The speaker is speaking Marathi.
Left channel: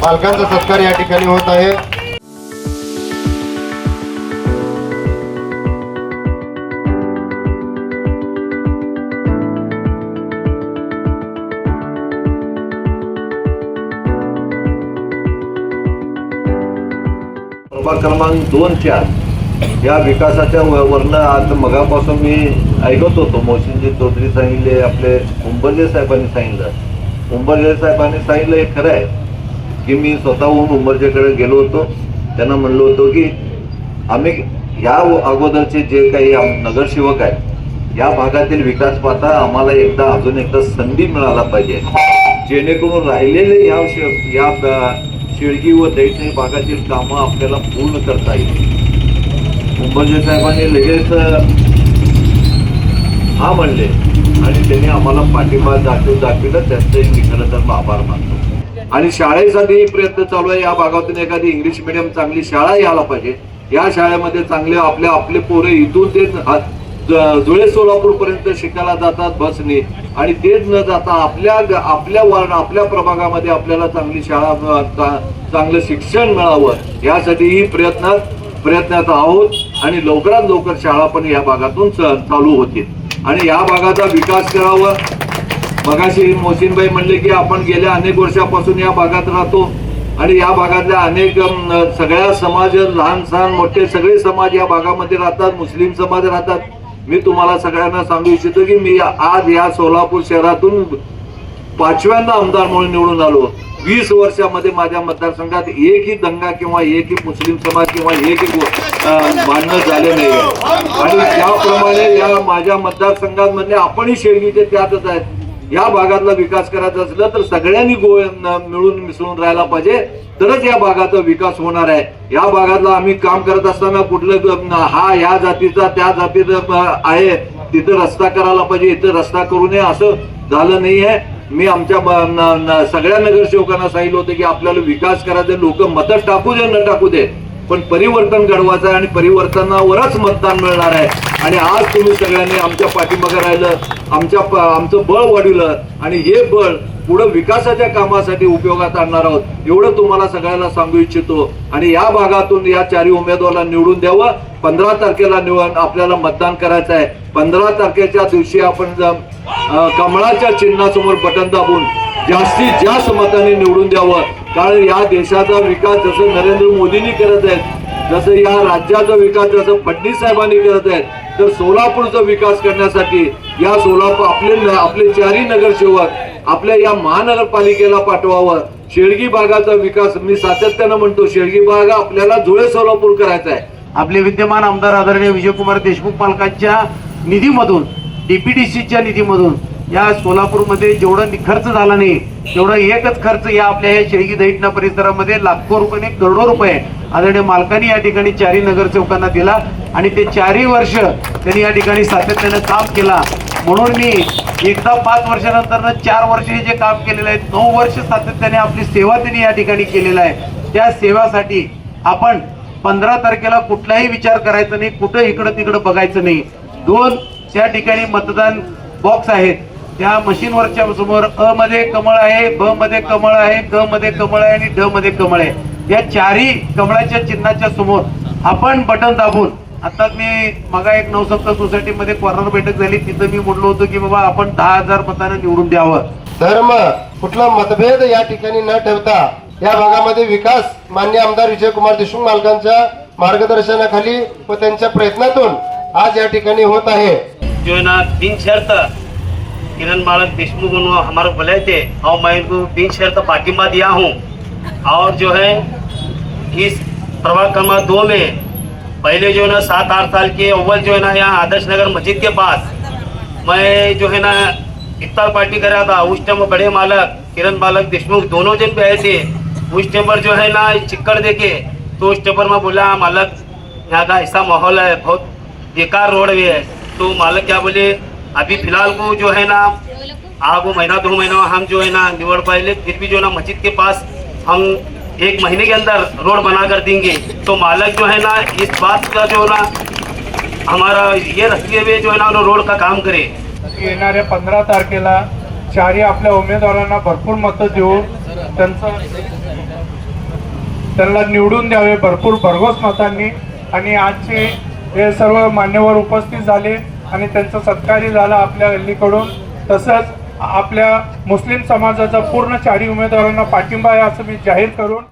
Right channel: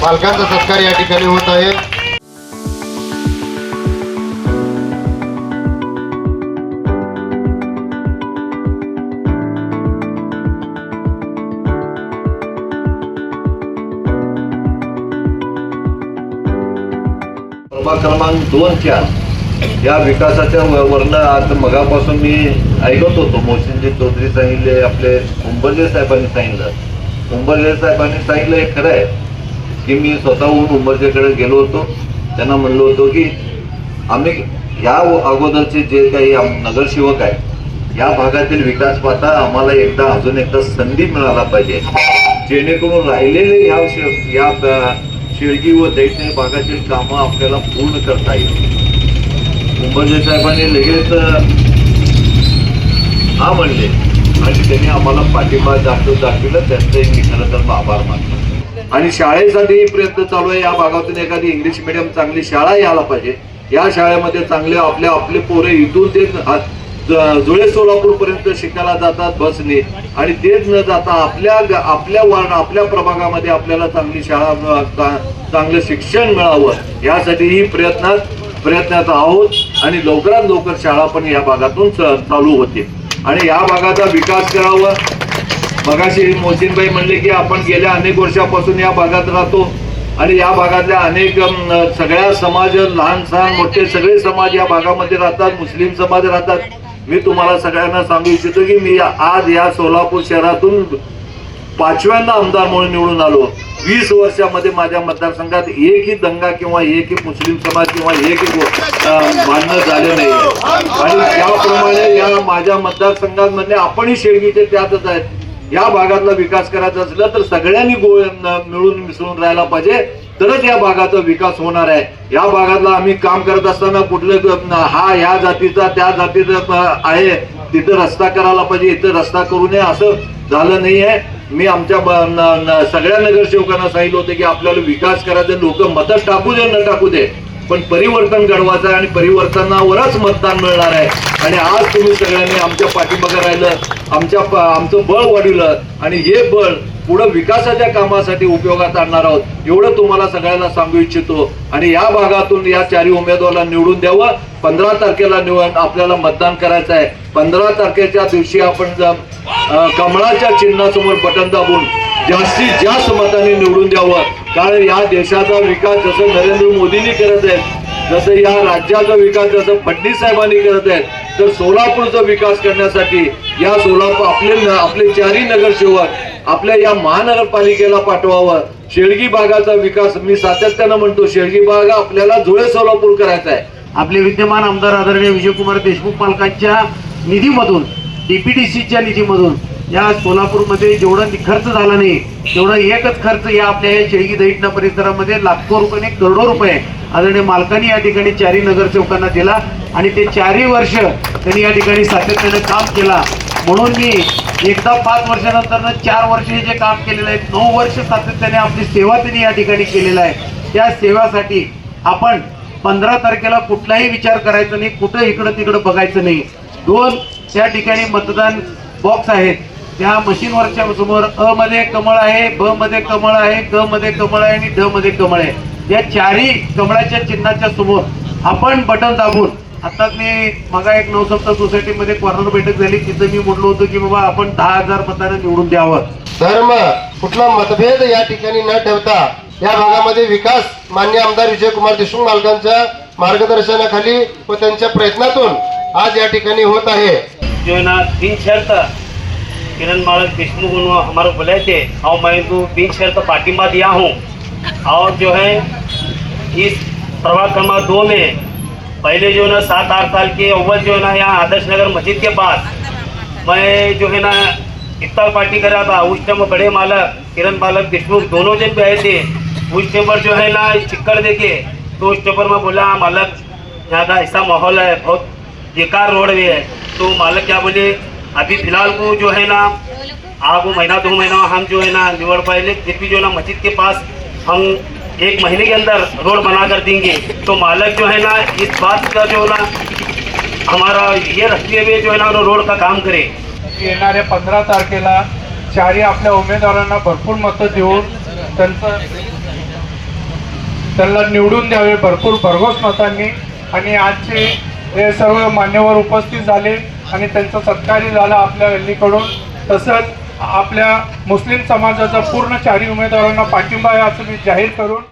मालकांचा सत्कार या ठिकाणी होत आहे। क्रमांक 2-4 या विकासाच्या वरनं आज मगापासून मी ऐकत होतो। मोहसिनजी चौधरी सांगितले, आपले उंबरले साहेबांनी सांगितलं। उंबरले साहेबांनी सांगितलं हे खरं आहे की मी स्वतःहून उंबरजेकडे गेलो होतो, त्यांना म्हणलो होतो की आम्ही या अगोदरचे जे काही नगरसेवक आहेत या भागातील विकास पाहता आम्हाला अजून एकदा संधी मिळायला पाहिजे, जेणेकरून राहिलेले या शेळगी व दैठणी भागातील कामं आपल्याला पूर्ण करता येईल। उंबरजे साहेबांनी लगेच हा म्हणले आणि त्यांनी आम्हाला पाठिंबा दाखविलं, त्यांचे मी खरं तर आभार मानतो। आणि शाळेसाठी प्रयत्न चालू आहे। या भागातून एखादी इंग्लिश मिडियम चांगली शाळा यायला पाहिजे। या शाळेमध्ये चांगले आपले पोरे इथून ते धुळे सोलापूर पर्यंत शिकायला जातात बसने, आणि तेच न जाता आपल्या प्रभागामध्ये आपल्याला चांगली शाळा चांगलं शिक्षण मिळावं यासाठीही प्रयत्नात आहोत। आणि लवकरात लवकर शाळा पण या भागातून चालू होते आणि या भागाचा विकास करावा। मगाशी मोहसिनभाई म्हणले की आपण गेल्या अनेक वर्षापासून या भागात राहतो आणि या भागातल्या अनेक सगळ्या समाज, लहान सहान मोठे सगळे समाज या भागामध्ये राहतात, मुस्लिम समाज राहतात। मी तुम्हाला सगळ्यांना सांगू इच्छितो की मी आज या सोलापूर शहरातून 5व्यांदा आमदार म्हणून निवडून आलो। 20 वर्षामध्ये माझ्या मतदारसंघात एकही दंगा किंवा एकही मुस्लिम समाज किंवा एकही भांडण झाले नाही। आणि त्याप्रमाणे या माझ्या मतदारसंघामध्ये आपणही शेळगीचे त्यातच आहेत। या भागातला विकास करायचा असला तर सगळ्यांनी मिळून मिसळून राहायला पाहिजे, तरच या भागाचा विकास होणार आहे। या भागातला आम्ही काम करत असताना कुठलं हा या जातीचा त्या जातीचा आहे तिथं रस्ता करायला पाहिजे, इथं रस्ता करू नये असं झालं नाही आहे। मी आमच्या सगळ्या नगरसेवकांना सांगितलं होतं की आपल्याला विकास करायचं, लोक मतं टाकू दे न टाकू दे, पण परिवर्तन घडवायचं आहे आणि परिवर्तनावरच मतदान मिळणार आहे। आणि आज तुम्ही सगळ्यांनी आमच्या पाठीमागे राहिलं, आमचं बळ वाढवलं आणि हे बळ पुढे विकासाच्या कामासाठी उपयोगात आणणार आहोत एवढं तुम्हाला सगळ्यांना सांगू इच्छितो। आणि या भागातून या चारही उमेदवाराला निवडून द्यावं। 15 तारखेला आपल्याला मतदान करायचं आहे। 15 तारखेच्या दिवशी आपण कमळाच्या चिन्हासमोर बटन दाबून जास्तीत जास्त मतांनी निवडून द्यावं, कारण या देशाचा विकास जसं नरेंद्र मोदींनी करत आहेत, जसं या राज्याचा विकास जसं फडणवीस साहेबांनी करत आहेत, तर सोलापूरचा विकास करण्यासाठी या सोलापूर आपले चारही नगरसेवक आपल्या या महानगरपालिकेला पाठवावं। शेळगी भागाचा विकास मी सातत्यानं म्हणतो, शेळगी भाग आपल्याला धुळे सोलापूर करायचा आहे। आपले विद्यमान आमदार आदरणीय विजयकुमार देशमुख पालकांच्या निधीमधून, डीपीडीसीच्या निधीमधून या सोलापूरमध्ये जेवढा खर्च झाला नाही तेवढा एकच खर्च या आपल्या शेळगी दैठणा परिसरामध्ये लाखो रुपये, करोडो रुपये आदरणीय मालकांनी या ठिकाणी चारही नगरसेवकांना दिला आणि ते 4ही वर्ष त्यांनी या ठिकाणी सातत्याने काम केला। म्हणून मी एकदा 5 वर्षानंतर 4 वर्ष हे जे काम केलेलं आहे, 9 वर्ष सातत्याने आपली सेवा त्यांनी या ठिकाणी केलेला आहे। त्या सेवासाठी आपण 15 तारखेला कुठलाही विचार करायचा नाही, कुठं इकडं तिकडं बघायचं नाही। 2 त्या ठिकाणी मतदान बॉक्स आहेत, त्या मशीनवरच्या समोर अ मध्ये कमळ आहे, ब मध्ये कमळ आहे, ग मध्ये कमळ आहे आणि ड मध्ये कमळ आहे। या चारही कमळाच्या चिन्हाच्या समोर आपण बटन दाबून, आता मी मगा एक नवसप्त सोसायटीमध्ये कॉर्नर बैठक झाली, तिथं मी म्हणलो होतो की बाबा आपण 10,000 मतांना निवडून द्यावं। धर्म कुठला मतभेद या ठिकाणी न ठेवता या भागामध्ये विकास माननीय आमदार विजयकुमार देशमुख मालकांच्या मार्गदर्शनाखाली व त्यांच्या प्रयत्नातून आज या ठिकाणी होत आहे। जो है ना दिन शर्त किरण मालक देशमुख हमारे बुलाए थे और मैं इनको दिन शर्त पार्टिंबा दिया हूँ। और जो है इस प्रभाग क्रमांक 2 में पहले जो है ना 7-8 साल के अव्वल जो है ना यहाँ आदर्श नगर मस्जिद के पास मैं जो है ना इफ्तार पार्टी कर रहा था। उस टाइम बड़े मालक किरण मालक देशमुख दोनों जन पे आए थे। उस टाइम पर जो है ना चिक्कड़ देके तो उस टाइम पर मैं बोला मालक यहाँ का ऐसा माहौल है, बहुत बेकार रोड भी है। तो मालक क्या बोले अभी फिलहाल को जो है ना आप वो 1-2 महीना हम जो है ना निवड़ पाए, फिर भी जो है ना मस्जिद के पास हम 1 महीने के अंदर रोड बना कर देंगे। तो मालक जो है ना इस बात का जो ना हमारा ये रखते हुए जो है ना रोड का काम करे। येणाऱ्या 15 तारखेला चारही आपल्या उमेदवारांना भरपूर मतं देऊन त्यांना निवडून द्यावे भरपूर भरघोस मतांनी। आणि आजचे हे सर्व मान्यवर उपस्थित झाले आणि त्यांचा सत्कारही झाला आपल्या गल्लीकडून। तसंच आपल्या मुस्लिम समाजाचा पूर्ण चारही उमेदवारांना पाठिंबा आहे असं मी जाहीर करून